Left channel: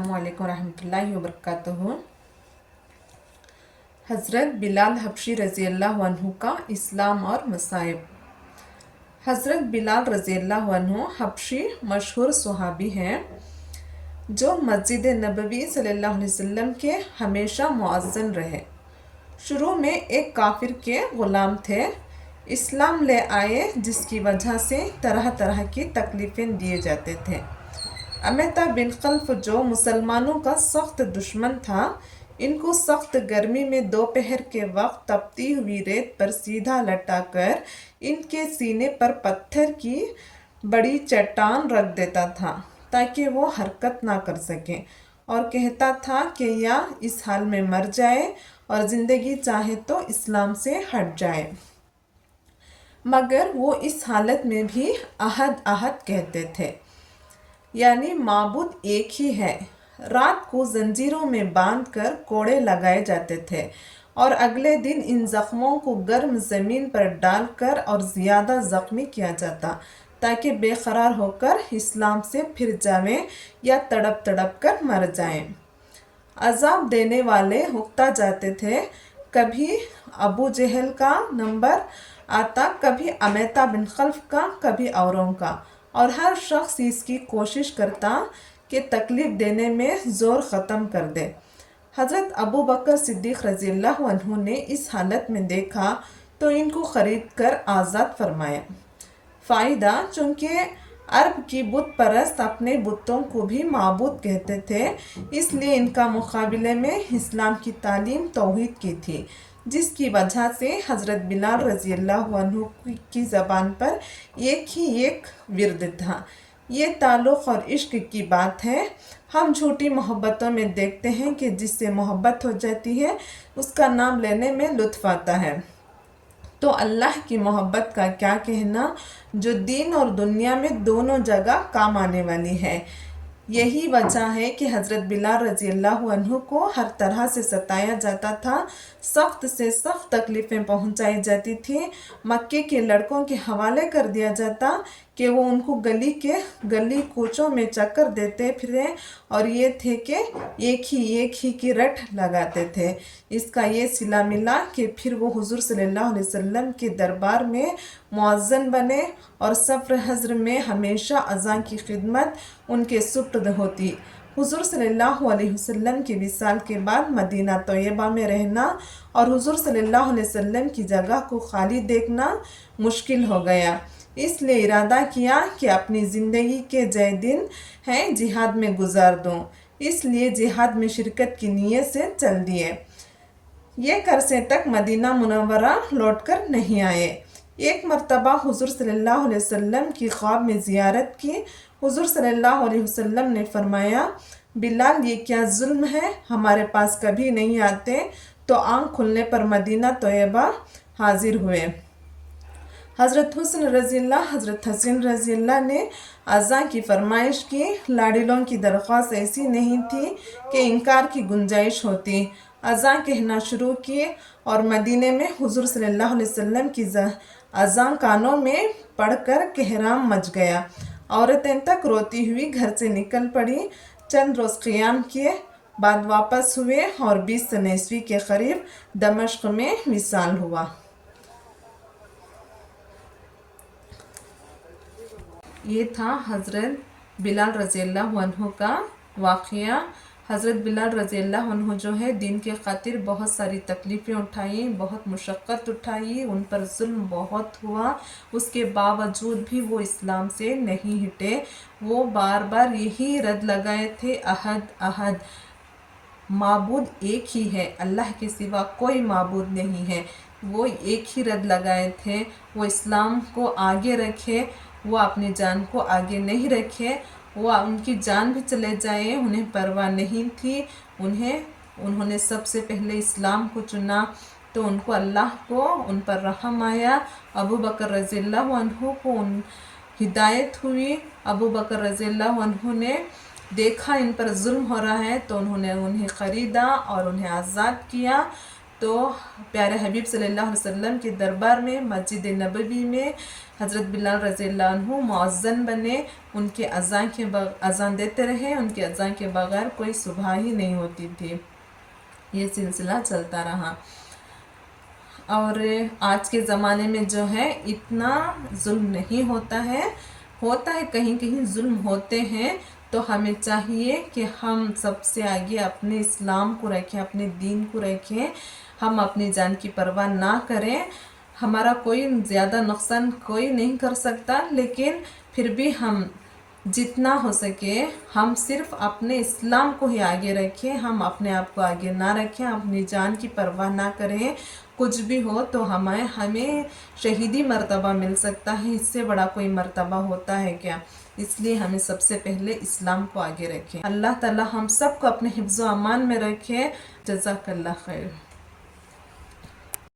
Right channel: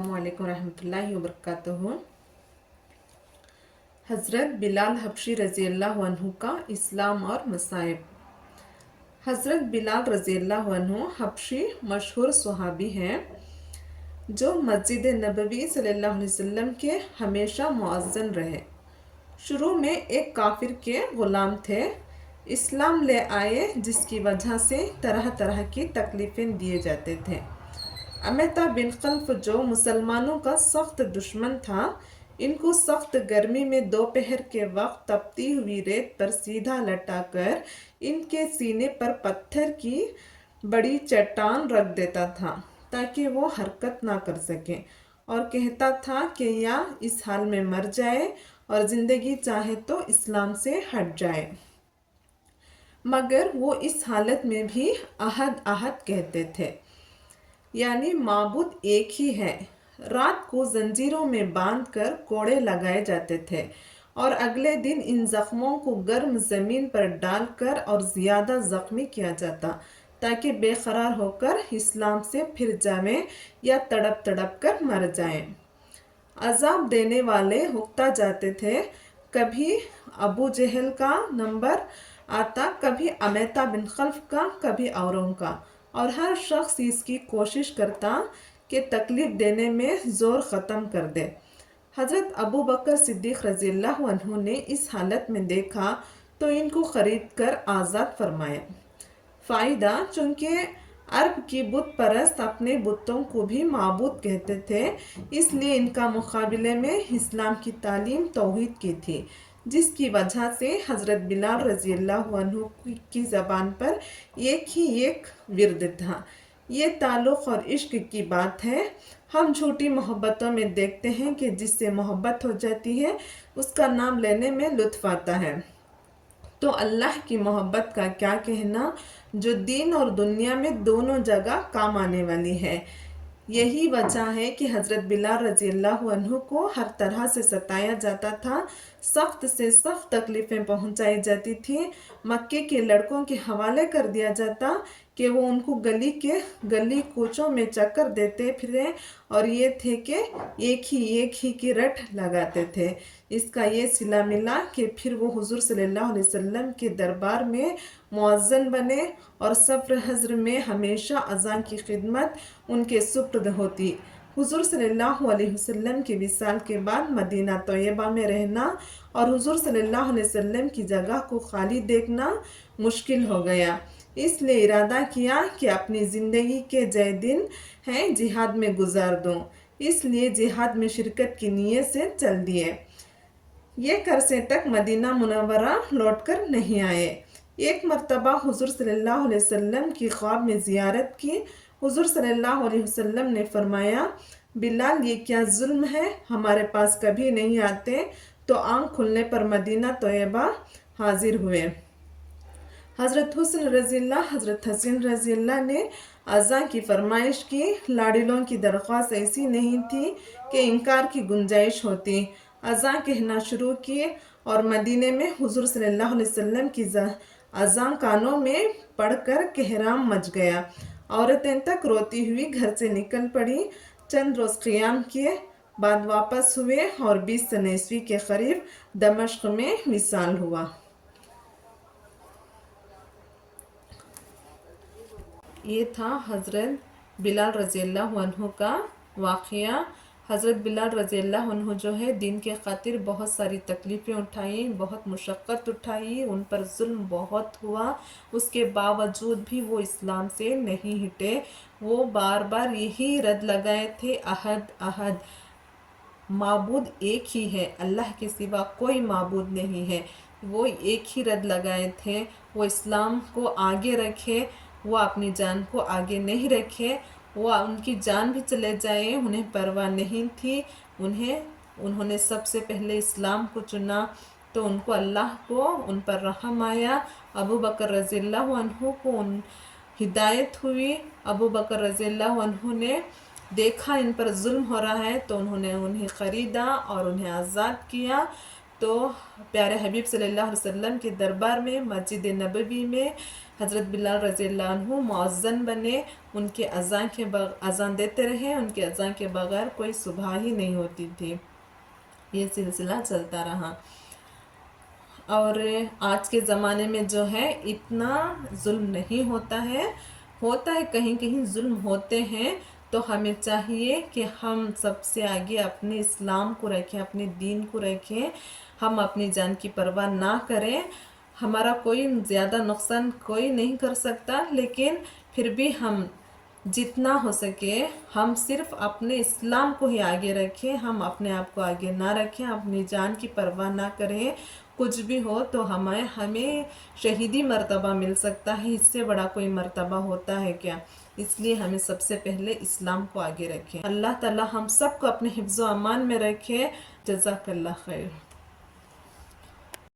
अस्सलामु अलैकुम रहमतुल्लाहि व बरकातुहू। हज़रत बिलाल हबशी रज़ी अल्लाह अन्हु का इस्लाम और मसाइब। हज़रत बिलाल रज़ी अल्लाह अन्हु हबशी मशहूर सहाबी हैं जो मस्जिद नबवी सल्लल्लाहु अलैहि वसल्लम के हमेशा मुअज़्ज़िन रहे। शुरू में एक काफिर के ग़ुलाम थे, इस्लाम ले आए जिसकी वजह से तरह तरह की तकलीफ़ें दिए जाते थे। अमेता बिन खल्फ जो मुसलमानों का सख्त दुश्मन था, इनको सख्त गर्मी में दोपहर के वक्त तपती हुई रेत पर सीधा लटाकर इनके सीने पर पत्थर की बड़ी चट्टान रख देता था ताकि वो हरकत ना कर सके, और कहता था कि या इस हाल में मर जाए और ज़िंदगी चाहे तो इस्लाम से हट जाए। मगर वो इस हालत में भी अहद अहद कहते थे, यानी माबूद एक ही है। रात को जंजीरों में बांधकर कोड़े लगाए जाते थे और अगले दिन इन जख्मों को गर्म ज़मीन पर डालकर और ज़्यादा ज़ख्मी किया जाता ताकि बेकरार होकर इस्लाम से फिर जाएं या तड़प तड़प कर मर जाएं। अजाब देने वाले उकता जाते थे। कभी अबू जहल का नंबर आता, कभी अमेता बिन खल्फ का, कभी औरों का, और हर शख्स इसकी कोशिश करता कि तकलीफ़ देने में ज़ोर ख़त्म कर दे। हज़रत अबू बकर सिद्दीक़ रज़ी अल्लाह अन्हु ने इस हालत में देखा तो इनको ख़रीद कर आज़ाद फरमाया। फ़ायदा, चूँकि अरब की बुत परस्त अपने बुतों को भी माबूद कहते थे, इसलिए इनका मुकाबले में इस्लाम की तालीम तौहीद की थी, जिसकी वजह से हज़रत बिलाल रज़ी अल्लाह अन्हु की ज़बान पर एक ही एक विर्द था। ये ताल्लुक़ और इश्क की बात है। हम झूठी मोहब्बतों में देखते हैं कि जिससे मोहब्बत हो जाती है उसका नाम लेने में लुत्फ़ आता है, तो अल्लाह की मोहब्बत का क्या कहना, जो दीन और दुनिया में दोनों जगह काम आने वाली है। यही वजह है कि हज़रत बिलाल रज़ी अल्लाह अन्हु को हर तरह से सताया जाता था, सख्त से सख्त तकलीफ़ें पहुंचाई जाती थी। मक्के के लड़कों के हवाले कर दिया जाता कि वो उनको गली कूचों में चक्कर देते फिरे, और ये थे कि एक ही की रट लगाते थे। इसका ये सिला मिला कि फिर वो हुज़ूर सल्लल्लाहु अलैहि वसल्लम के दरबार में मुअज़्ज़िन बने और सफ़र हज़र में हमेशा अज़ान की खिदमत उनके सुपुर्द होती। हुज़ूर सल्लल्लाहु अलैहि वसल्लम के विसाल के बाद मदीना तैयबा में रहना और हुज़ूर सल्लल्लाहु अलैहि वसल्लम की जगह को खाली देखना मुश्किल हो गया, इसलिए इरादा किया कि अपनी ज़िंदगी के जय दिन हैं जिहाद में गुजार दूँ। इसलिए जिहाद में शिरकत की नीयत से चल दिए। ये करसे तक मदीना मुनव्वरा लौटकर नहीं आए। एक मरतबा हुज़ूर सल्लल्लाहु अलैहि वसल्लम की ख्वाब में ज़ियारत की। हुज़ूर सल्लल्लाहु अलैहि वसल्लम ने फरमाया, बिलाल ये क्या जुल्म है, हमारे पास कभी नहीं आते। तो आँख खुलने पर मदीना तैयबा हाजिर हुए। हज़रत हुस्न रज़ियल्लाह, हज़रत हसीन रज़ियल्लाह ने अज़ां की फरमाइश की। लाड़िलों की दरख्वास्त ऐसी नहीं थी कि इनकार की गुंजाइश होती। अज़ां कहना शुरू किए और मदीने में हुज़ूर सल्लल्लाहु अलैहि वसल्लम की अज़ां कानों में पढ़कर कहराम मच गया। औरतें तक रोती हुई घर से निकल पड़ी। चंद रोज़ क़ियाम किए, बाद वापस हुए और 20 सन ईस्वी के करीब दमिश्क में विसाल हुआ। ये था हज़रत बिलाल रज़ी अल्लाह अन्हु का वाक़या। हज़रत बिलाल रज़ी अल्लाह अन्हु जो है दीन के खातिर बहुत सारी तकलीफ़ें उठाई, बहुत मुशक्क़त उठाई, उन पर जुल्म बहुत हुआ। उसके बावजूद भी वो इस्लाम से नहीं हटे। वो बार बार यही रद लगाए थे, अहद अहद, माबूद एक ही है, अल्लाह के सिवा कोई माबूद नहीं है। वो एक ही रद लगाए थे, वो इस्लाम को आगे रखे, वो अपनी जान को आगे नहीं रखे। वो उनकी जान भी चले जाए उन्हें परवाह नहीं थी। उन्होंने सबसे पहले इस्लाम को चुना, तो उनको अल्लाह को उन पर रहम आया। अबू बकर रज़ियल्लाहु अन्हु को हिदायत हुई। अबू बकर रज़ियल्लाहु अन्हु ने देखा इन पर जुल्म हो रहा है, तो उन्होंने उन्हें ख़रीदा और उन्हें आज़ाद किया। تو پیارے حبیب صلی اللہ علیہ وسلم کے دربار میں مسجد نبوی میں حضرت بلال رضی اللہ عنہ مؤذن بنے، ان کے اذان دیتے رہے، ان کے اذان کے بغیر کوئی صبح ہی نہیں ہوتی تھی۔ یہ سلسلہ چلتا رہا، اور آج کے زمانے میں جو ہے اتنا ظلم نہیں ہوتا ہے کہیں کہیں ظلم ہوتے ہیں، تو ہمیں چاہیے کہ ہم سب سے آگے اپنے اسلام کو رکھیں، اپنے دین کو رکھیں، ہم اپنی جان کی پرواہ نہ کریں۔ ہمارا کوئی زیادہ نقصان کوئی نہیں کر سکتا، لیکن پھر بھی ہم جتنا ہو سکے ہم صرف اپنے اسلام کو ہی آگے رکھیں، ہم اپنے آپ کو آگے نہ رکھیں، اپنی جان کی پرواہ نہ کریں۔ کچھ بھی ہو تو ہمیں شہیدی مرتبہ مل سکتا ہے، اس سے بڑا کوئی مرتبہ ہوتا ہے کیا؟ اس لیے ہمیں سب سے پہلے اسلام کو آگے رکھیں۔ اللہ تعالی ہم سب کو اپنے حفظ و امان میں رکھے۔ جزاک اللہ خیر۔